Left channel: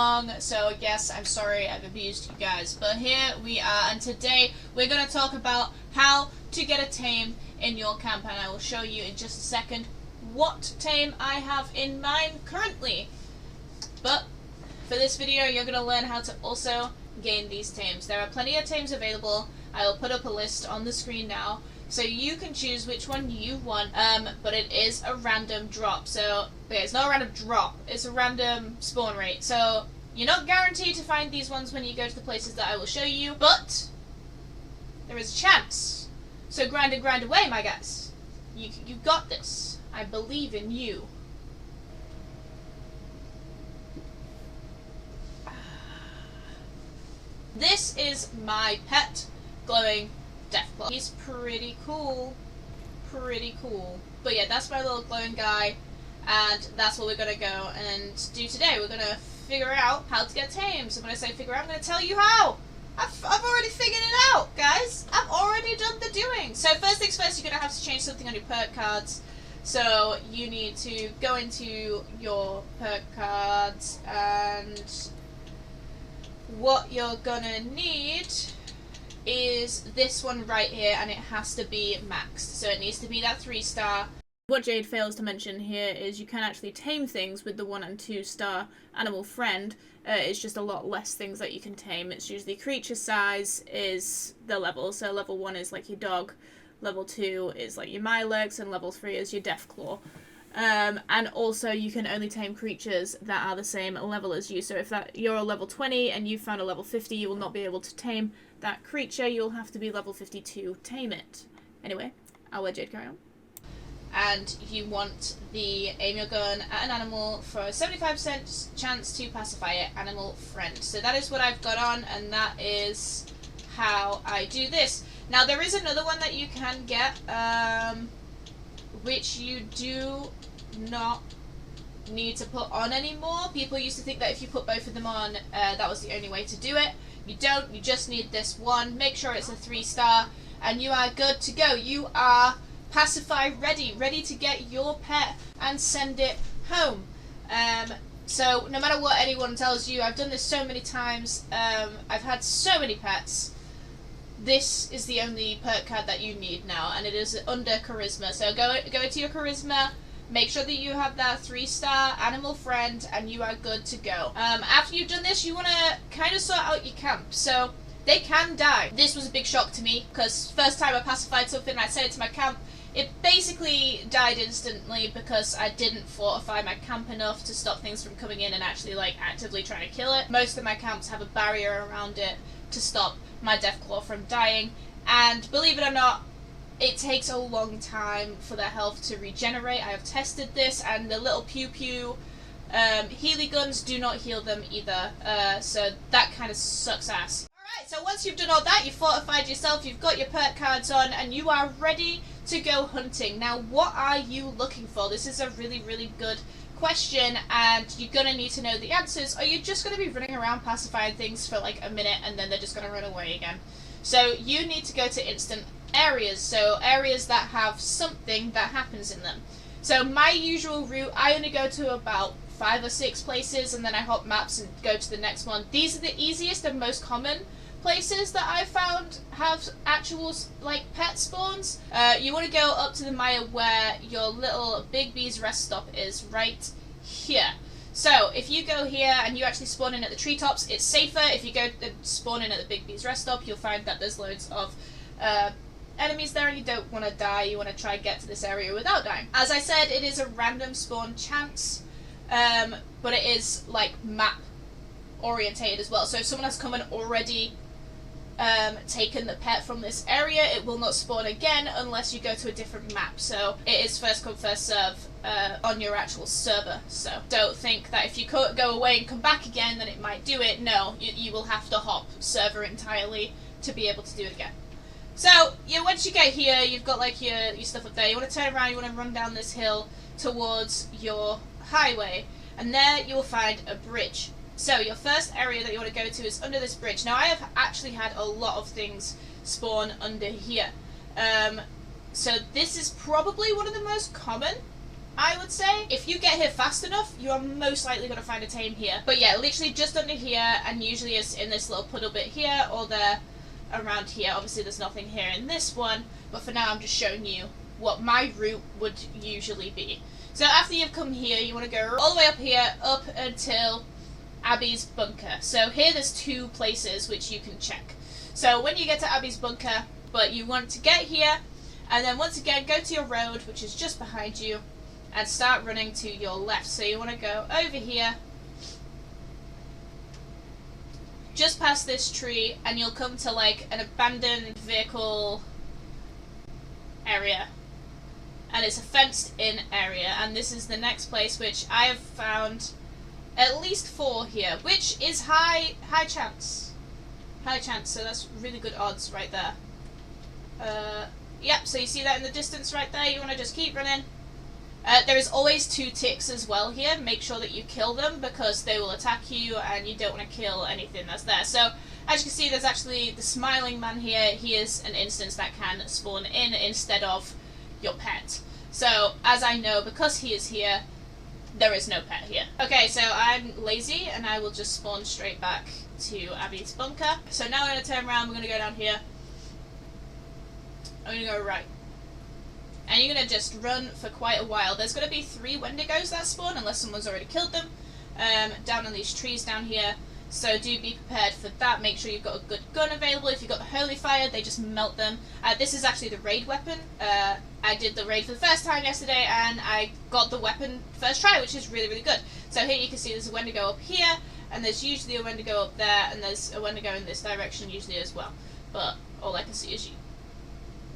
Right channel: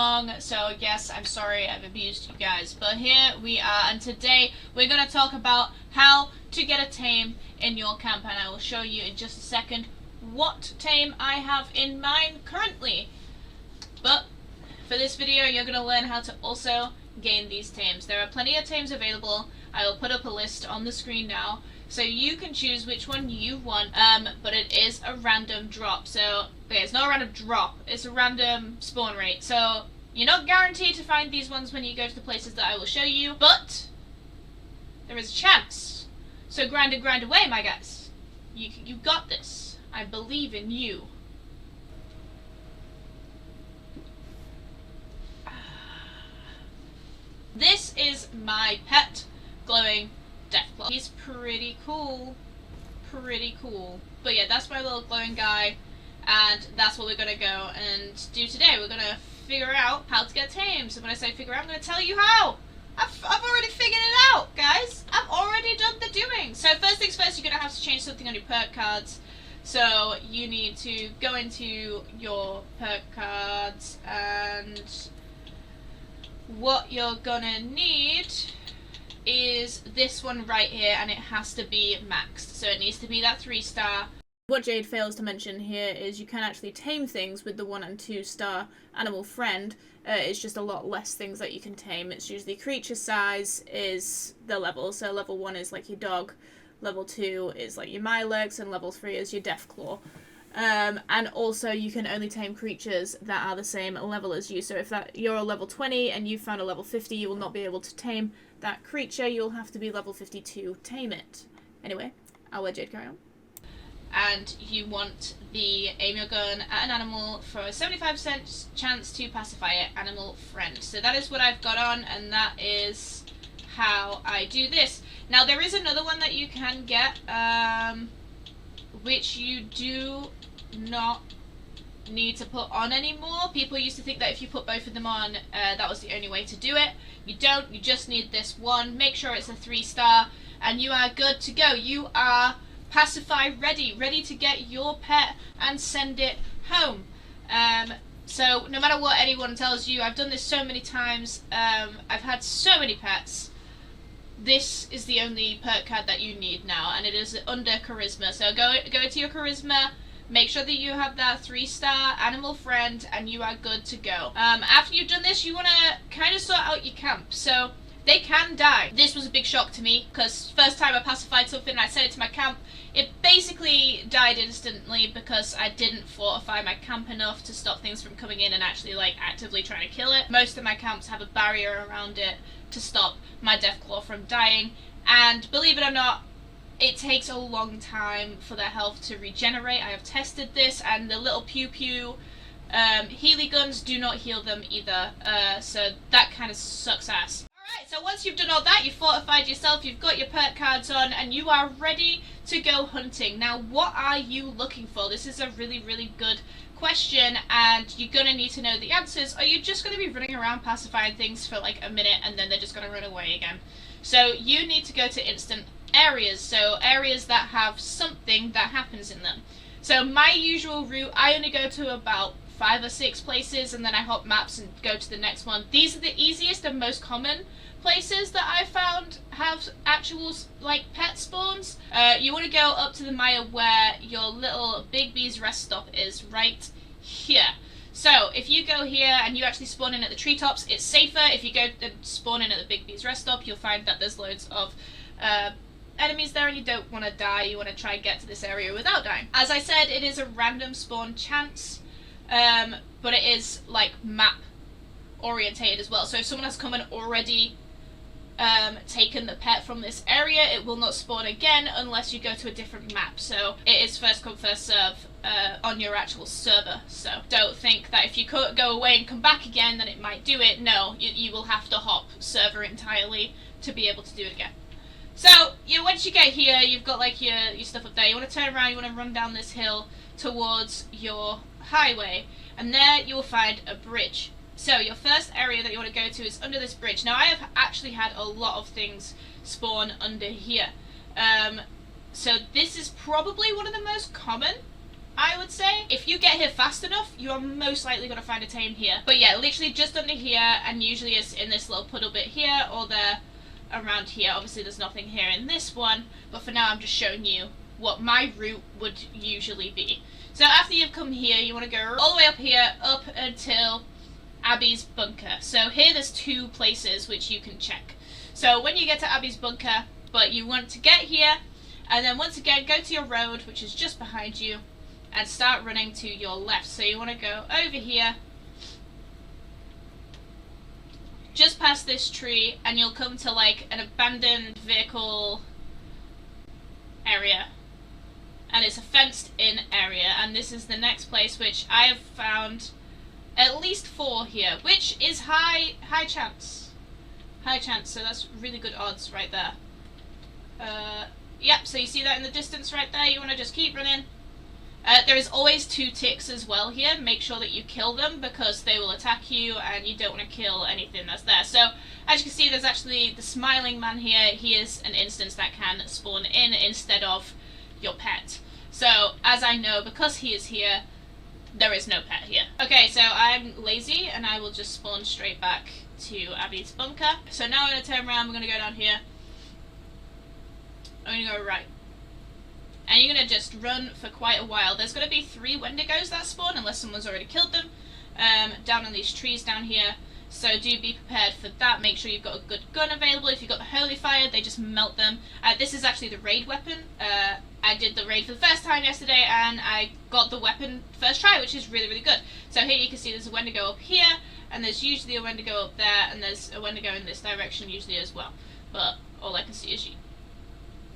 long, so yes, I'm sorry I've abused you guys. But here we are, and today we're going to talk about how to get a tame in your camp, and I will show you in just a second what tame I have in mind currently. But for this video, you're going to learn how to also gain these tames. There are plenty of tames available. I will put up a list on the screen now, so you can choose which one you want, but it is a random drop. So, okay, it's not a random drop, it's a random spawn rate. So, you're not guaranteed to find these ones when you go to the places that I will show you, but there is a chance. So grind and grind away, my guys. You got this. I believe in you. This is my pet, glowing Deathclaw. He's pretty cool. Pretty cool. But yeah, that's my little glowing guy, and that's what we're gonna go and do today. We're gonna figure out how to get tamed. So when I say figure out, I'm gonna tell you how. I've already figured it out, guys. I've already done the doing. So first things first, you're gonna have to change something on your perk cards. So you need to go into your perk cards, and what you're gonna need is this one right here, and it has to be maxed. So it needs to be that 3-star. What Jade fails to mention here is you can actually tame things with the 1 and 2-star animal friend. It's just a lot less things that you can tame. It's usually creature size is the level. So level 1 is like your dog, level 2 is like your Milex, and level 3 is your Deathclaw. And also you can only tame creatures that are the same level as you. So if you're a level 20 and you found a level 50, you will not be able to tame that creature. You'll have to be level 50 to tame it. Anyway, I'll let Jade carry on. And you want the aim your gun at an animal for a 75% chance to pacify it, animal friend. So that is what I've got on, and that is how I do this. Now there is another one that you can get, which you do not need to put on anymore. People used to think that if you put both of them on, that was the only way to do it. You don't, you just need this one. Make sure it's a 3-star, and you are good to go. You are pacify ready to get your pet and send it home. So no matter what anyone tells you, I've done this so many times, I've had so many pets. This is the only perk card that you need now, and it is under charisma. So go into your charisma, make sure that you have that 3-star animal friend, and you are good to go. After you've done this, you want to kind of sort out your camp. So they can die. This was a big shock to me, because first time I pacified something and I sent it to my camp, it basically died instantly because I didn't fortify my camp enough to stop things from coming in and actually like actively trying to kill it. Most of my camps have a barrier around it to stop my Deathclaw from dying, and believe it or not, it takes a long time for their health to regenerate. I have tested this, and the little pew-pew Healy guns do not heal them either, so that kind of sucks ass. Alright, so once you've done all that, you've fortified yourself, you've got your perk cards on, and you are ready to go hunting. Now, what are you looking for? This is a really, really good question, and you're going to need to know the answers, or you're just going to be running around pacifying things for like a minute, and then they're just going to run away again. So you need to go to instant areas, so areas that have something that happens in them. So my usual route, I only go to about 5 or 6 places, and then I hop maps and go to the next one. These are the easiest and most common places that I've found have actual like pet spawns. You want to go up to the mire where your little Big B's rest stop is, right here. So if you go here and you actually spawn in at the treetops, it's safer. If you go and spawn in at the Big B's rest stop, you'll find that there's loads of enemies there, and you don't want to die. You want to try and get to this area without dying. As I said, it is a random spawn chance, but it is like map orientated as well. So if someone has come and already taken the pet from this area, it will not spawn again unless you go to a different map. So it is first come first serve on your actual server. So don't think that if you go away and come back again then it might do it. No, you will have to hop server entirely to be able to do it again. So once you get here, you've got like your stuff up there. You want to turn around, you want to run down this hill towards your highway, and there you will find a bridge. So your first area that you want to go to is under this bridge. Now I have actually had a lot of things spawn under here. So this is probably one of the most common I would say. If you get here fast enough, you are most likely going to find a tame here. But yeah, literally just under here, and usually it's in this little puddle bit here, or there around here. Obviously there's nothing here in this one, but for now I'm just showing you what my route would usually be. So after you've come here, you want to go all the way up here, up until Abby's bunker. So here there's two places which you can check. So when you get to Abby's bunker, but you want to get here, and then once again go to your road, which is just behind you, and start running to your left. So you want to go over here, just past this tree, and you'll come to like an abandoned vehicle area. And it's a fenced in area, and this is the next place, which I have found at least 4 here, which is high chance. High chance, so that's really good odds right there. Yep, so you see that in the distance right there, you want to just keep running. There is always 2 ticks as well here. Make sure that you kill them, because they will attack you, and you don't want to kill anything that's there. So, as you can see, there's actually the smiling man here. He is an instance that can spawn in instead of your pet. So, as I know, because he is here, there is no pet here. Okay, so I'm lazy, and I will just spawn straight back to Abby's bunker. So now we're going to turn around, we're going to go down here. I'm going to go right. And you're going to just run for quite a while. There's going to be 3 Wendigos that spawn, unless someone's already killed them, down in these trees down here. So do be prepared for that. Make sure you've got a good gun available. If you've got the Holy Fire, they just melt them. This is actually the raid weapon. I did the raid for the first time yesterday, and I got the weapon first try, which is really, really good. So here you can see there's a Wendigo up here, and there's usually a Wendigo up there, and there's a Wendigo in this direction usually as well. But all I can see is you.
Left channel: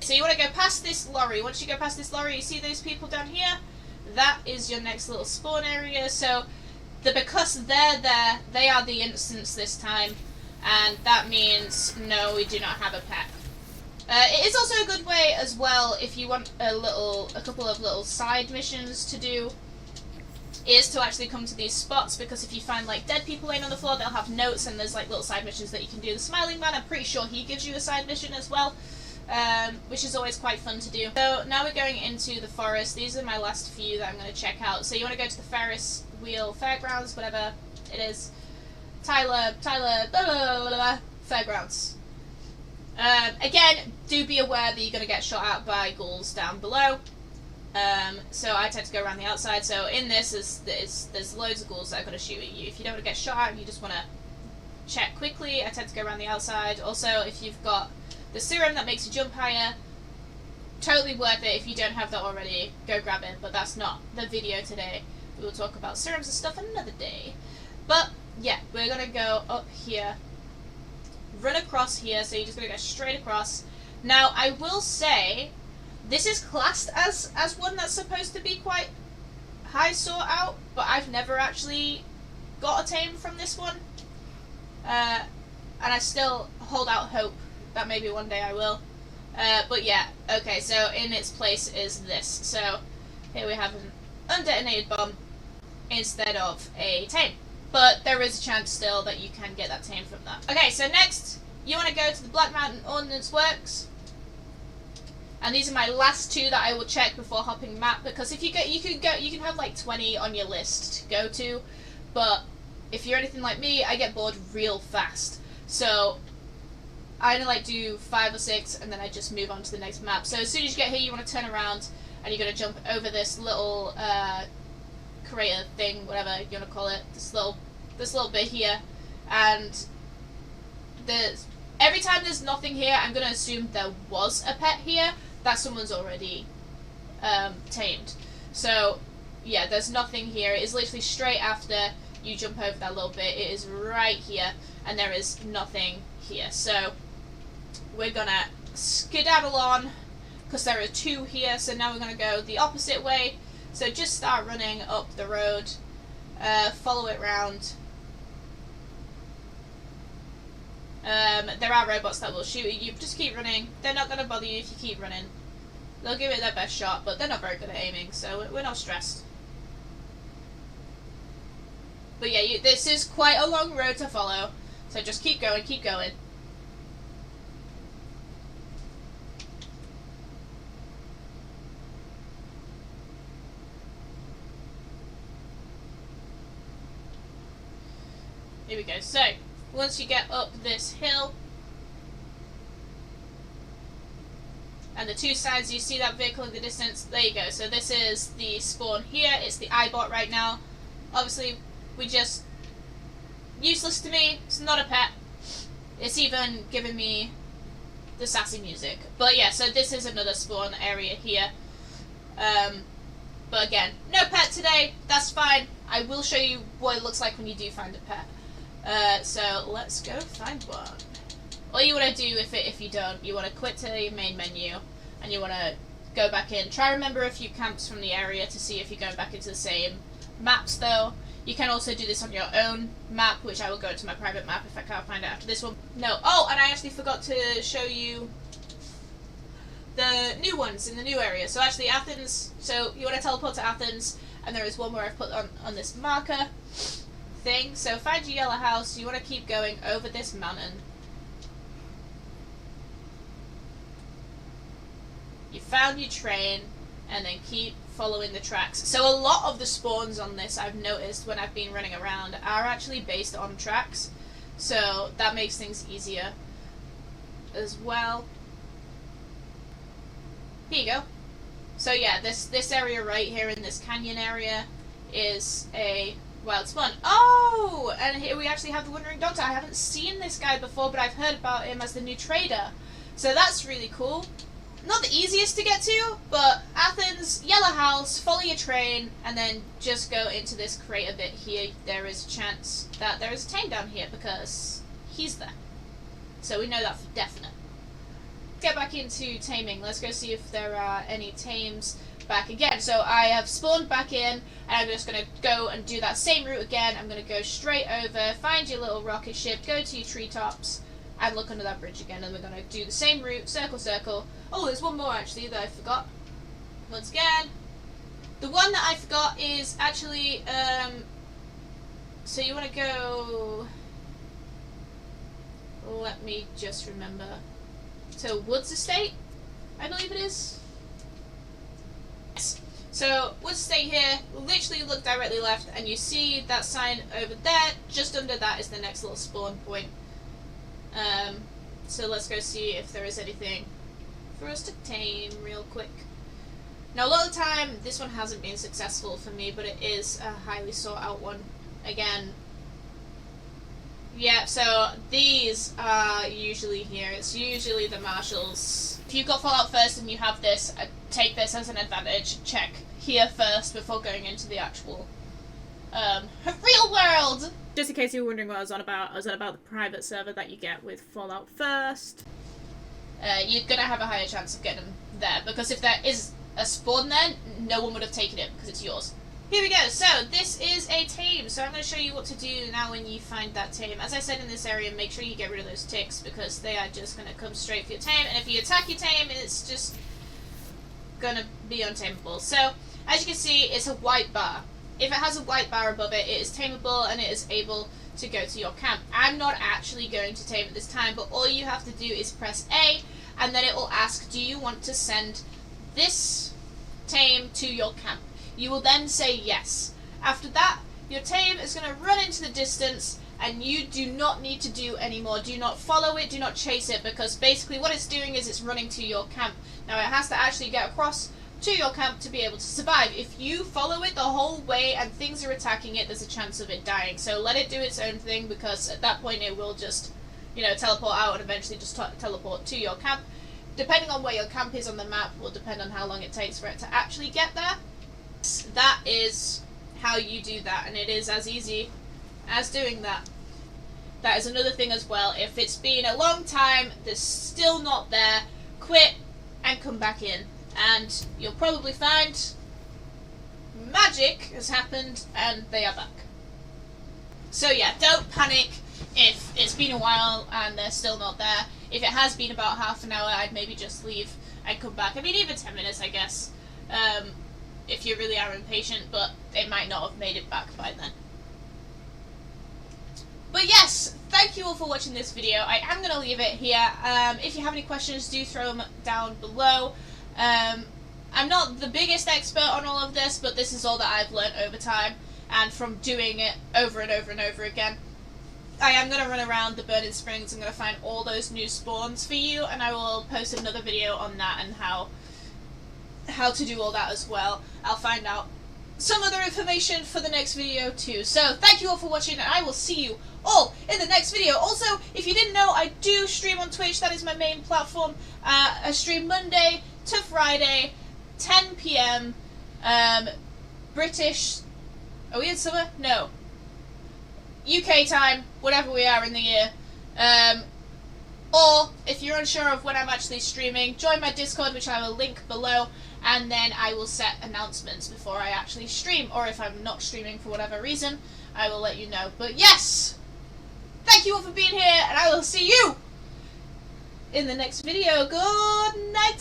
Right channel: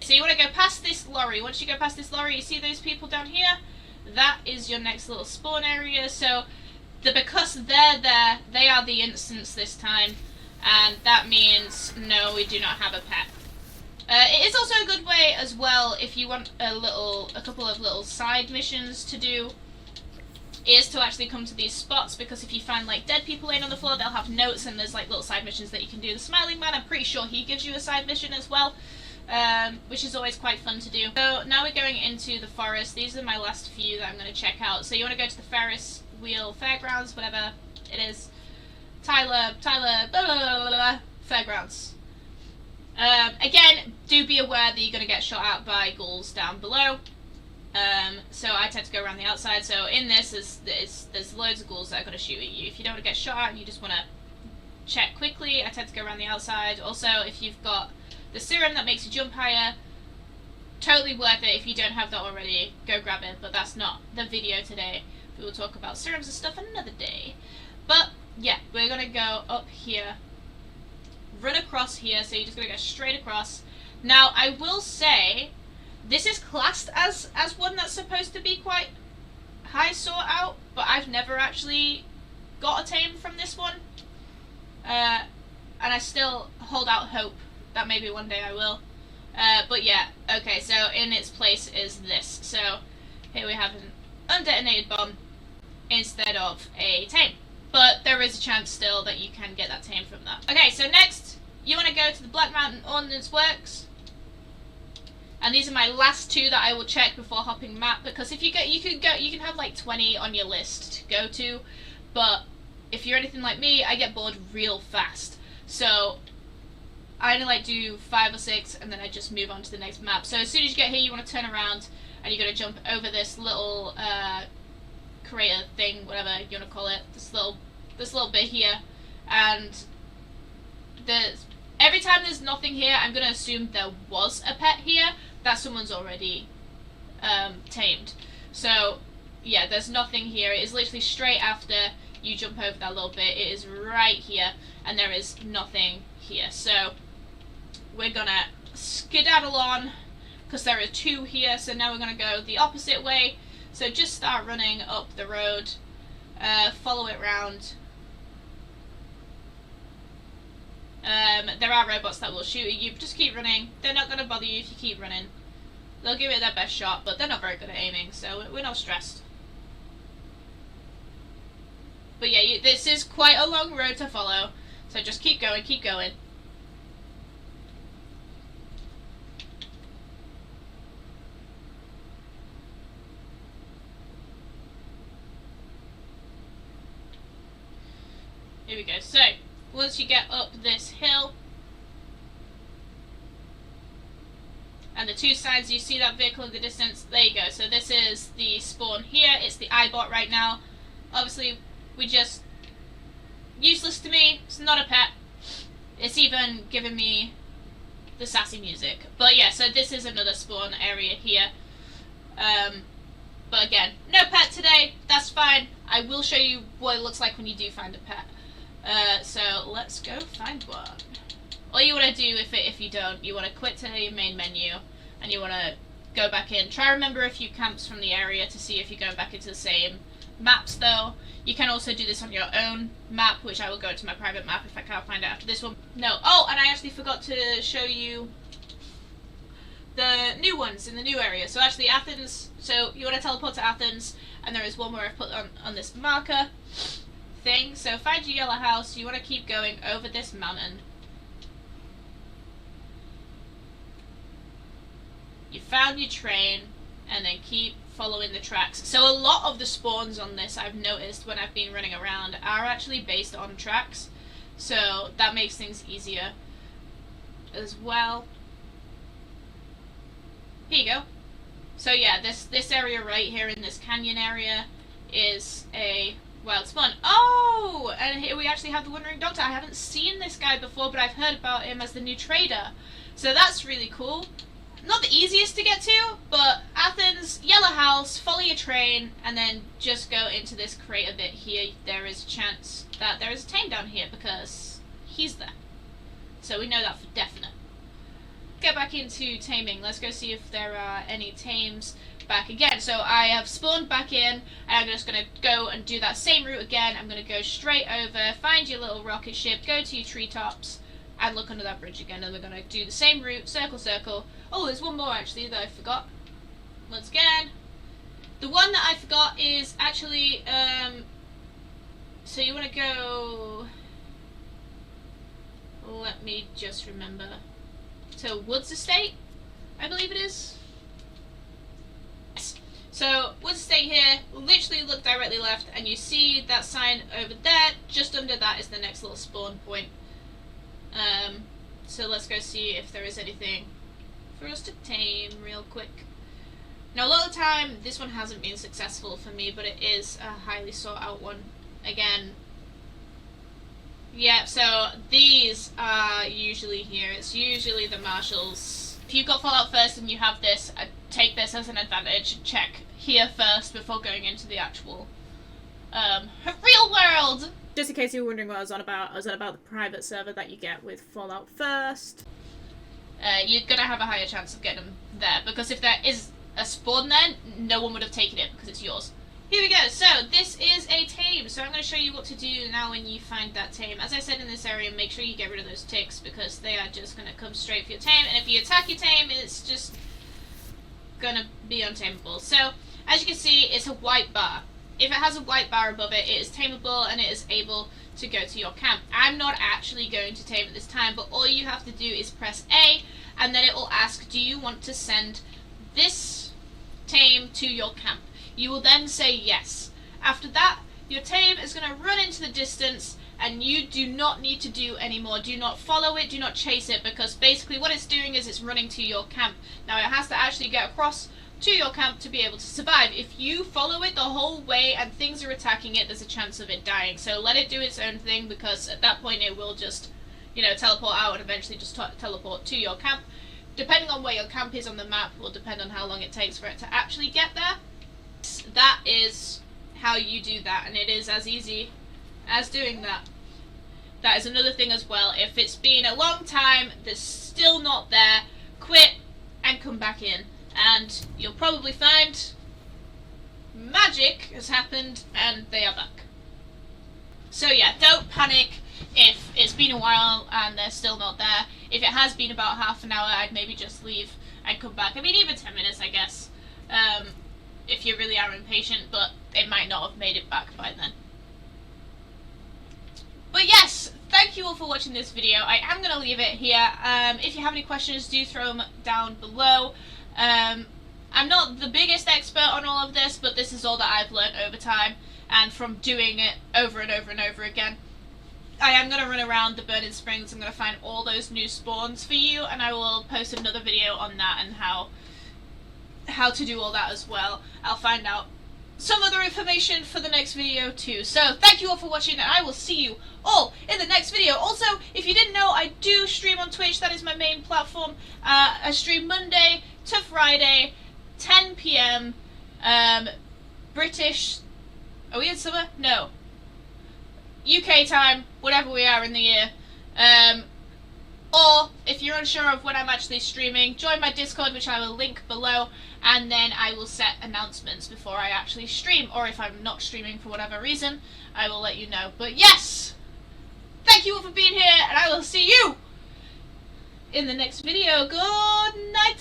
So you want to go past this lorry. Once you go past this lorry, you see those people down here? That is your next little spawn area. So because they're there, they are the instance this time, and that means no, we do not have a pet. It is also a good way as well if you want a couple of little side missions to do, is to actually come to these spots, because if you find like dead people laying on the floor, they'll have notes, and there's like little side missions that you can do. The Smiling Man, I'm pretty sure he gives you a side mission as well, which is always quite fun to do. So now we're going into the forest. These are my last few that I'm going to check out. So you want to go to the Ferris Wheel Fairgrounds, whatever it is. Tyler, blah, blah, blah, blah, blah, Fairgrounds. Again, do be aware that you're going to get shot at by ghouls down below. So I tend to go around the outside. So in this, there's loads of ghouls that are going to shoot at you. If you don't want to get shot at, you just want to check quickly. I tend to go around the outside. Also, if you've got the serum that makes you jump higher, totally worth it. If you don't have that already, go grab it. But that's not the video today. We will talk about serums and stuff another day. But yeah, we're going to go up here, run across here. So you're just going to go straight across. Now, I will say, this is classed as one that's supposed to be quite high sought out, but I've never actually got a tame from this one. And I still hold out hope that maybe one day I will. But yeah, okay, so in its place is this. So here we have an undetonated bomb instead of a tame. But there is a chance still that you can get that tame from that. Okay, so next, you want to go to the Black Mountain Ordnance Works. And these are my last 2 that I will check before hopping map, because if you can have like 20 on your list to go to, but if you're anything like me, I get bored real fast. So I only like do 5 or 6, and then I just move on to the next map. So as soon as you get here, you want to turn around, and you're going to jump over this little crater thing, whatever you want to call it, this little bit here, and every time there's nothing here, I'm going to assume there was a pet here that someone's already tamed. So yeah, there's nothing here. It is literally straight after you jump over that little bit. It is right here, and there is nothing here. So we're gonna skedaddle on, because there are 2 here. So now we're gonna go the opposite way. So just start running up the road, follow it round. There are robots that will shoot at you, but just keep running. They're not gonna bother you if you keep running. They'll give it their best shot, but they're not very good at aiming, so we're not stressed. But yeah, this is quite a long road to follow, so just keep going, keep going. Here we go. So, once you get up this hill, and the two sides, you see that vehicle in the distance, there you go. So this is the spawn here, it's the iBot right now. Obviously, useless to me, it's not a pet. It's even giving me the sassy music. But yeah, so this is another spawn area here. But again, no pet today, that's fine. I will show you what it looks like when you do find a pet. So let's go find one. All you want to do, if you don't, you want to quit to your main menu, and you want to go back in. Try to remember a few camps from the area to see if you're going back into the same maps, though. You can also do this on your own map, which I will go to my private map if I can't find it after this one. No, oh, and I actually forgot to show you the new ones in the new area. So actually Athens, so you want to teleport to Athens, and there is one where I've put on this marker thing. So find your yellow house, you want to keep going over this mountain. You found your train, and then keep following the tracks. So a lot of the spawns on this, I've noticed when I've been running around, are actually based on tracks. So that makes things easier as well. Here you go. So yeah, this area right here in this canyon area is a wild spawn. Oh! And here we actually have the Wandering Doctor. I haven't seen this guy before, but I've heard about him as the new trader. So that's really cool. Not the easiest to get to, but Athens, yellow house, follow your train, and then just go into this crater bit here. There is a chance that there is a Tame down here because he's there. So we know that for definite. Get back into taming. Let's go see if there are any tames back again. So I have spawned back in, and I'm just going to go and do that same route again. I'm going to go straight over, find your little rocket ship, go to your treetops, and look under that bridge again, and we're going to do the same route, circle, circle. Oh, there's one more actually that I forgot. Once again, the one that I forgot is actually, so you want to go, let me just remember. So Woods Estate, I believe it is. Yes. So Woods Estate here, literally look directly left, and you see that sign over there. Just under that is the next little spawn point. So let's go see if there is anything for us to tame real quick. Now a lot of the time this one hasn't been successful for me, but it is a highly sought out one. Again, yeah, so these are usually here. It's usually the marshals. If you've got Fallout first and you have this, take this as an advantage. Check here first before going into the actual real world. Just in case you were wondering what I was on about the private server that you get with Fallout First. You're going to have a higher chance of getting them there, because if there is a spawn there, no one would have taken it, because it's yours. Here we go, so this is a tame, so I'm going to show you what to do now when you find that tame. As I said in this area, make sure you get rid of those ticks, because they are just going to come straight for your tame, and if you attack your tame, it's just going to be untamable. So, as you can see, it's a white bar. If it has a white bar above it, it is tameable and it is able to go to your camp. I'm not actually going to tame at this time, but all you have to do is press A, and then it will ask, do you want to send this tame to your camp? You will then say yes. After that, your tame is going to run into the distance, and you do not need to do any more. Do not follow it, do not chase it, because basically what it's doing is it's running to your camp. Now it has to actually get across to your camp to be able to survive. If you follow it the whole way and things are attacking it, there's a chance of it dying. So let it do its own thing, because at that point it will just, teleport out and eventually just teleport to your camp. Depending on where your camp is on the map will depend on how long it takes for it to actually get there. That is how you do that, and it is as easy as doing that. That is another thing as well. If it's been a long time, they're still not there, quit and come back in. And you'll probably find magic has happened and they are back. So yeah, don't panic if it's been a while and they're still not there. If it has been about half an hour, I'd maybe just leave and come back. I mean, even 10 minutes, I guess, if you really are impatient, but they might not have made it back by then. But yes, thank you all for watching this video. I am going to leave it here. If you have any questions, do throw them down below. I'm not the biggest expert on all of this, but this is all that I've learned over time and from doing it over and over and over again. I am going to run around the Burning Springs. I'm going to find all those new spawns for you, and I will post another video on that and how to do all that as well. I'll find out some other information for the next video too. So thank you all for watching, and I will see you all in the next video. Also, if you didn't know, I do stream on Twitch. That is my main platform. I stream Monday to Friday, 10 p.m. British. Are we in summer? No. UK time, whatever we are in the year. Or if you're unsure of when I'm actually streaming, join my Discord, which I will link below, and then I will set announcements before I actually stream, or if I'm not streaming for whatever reason, I will let you know. But yes, thank you all for being here, and I will see you in the next video. Good night.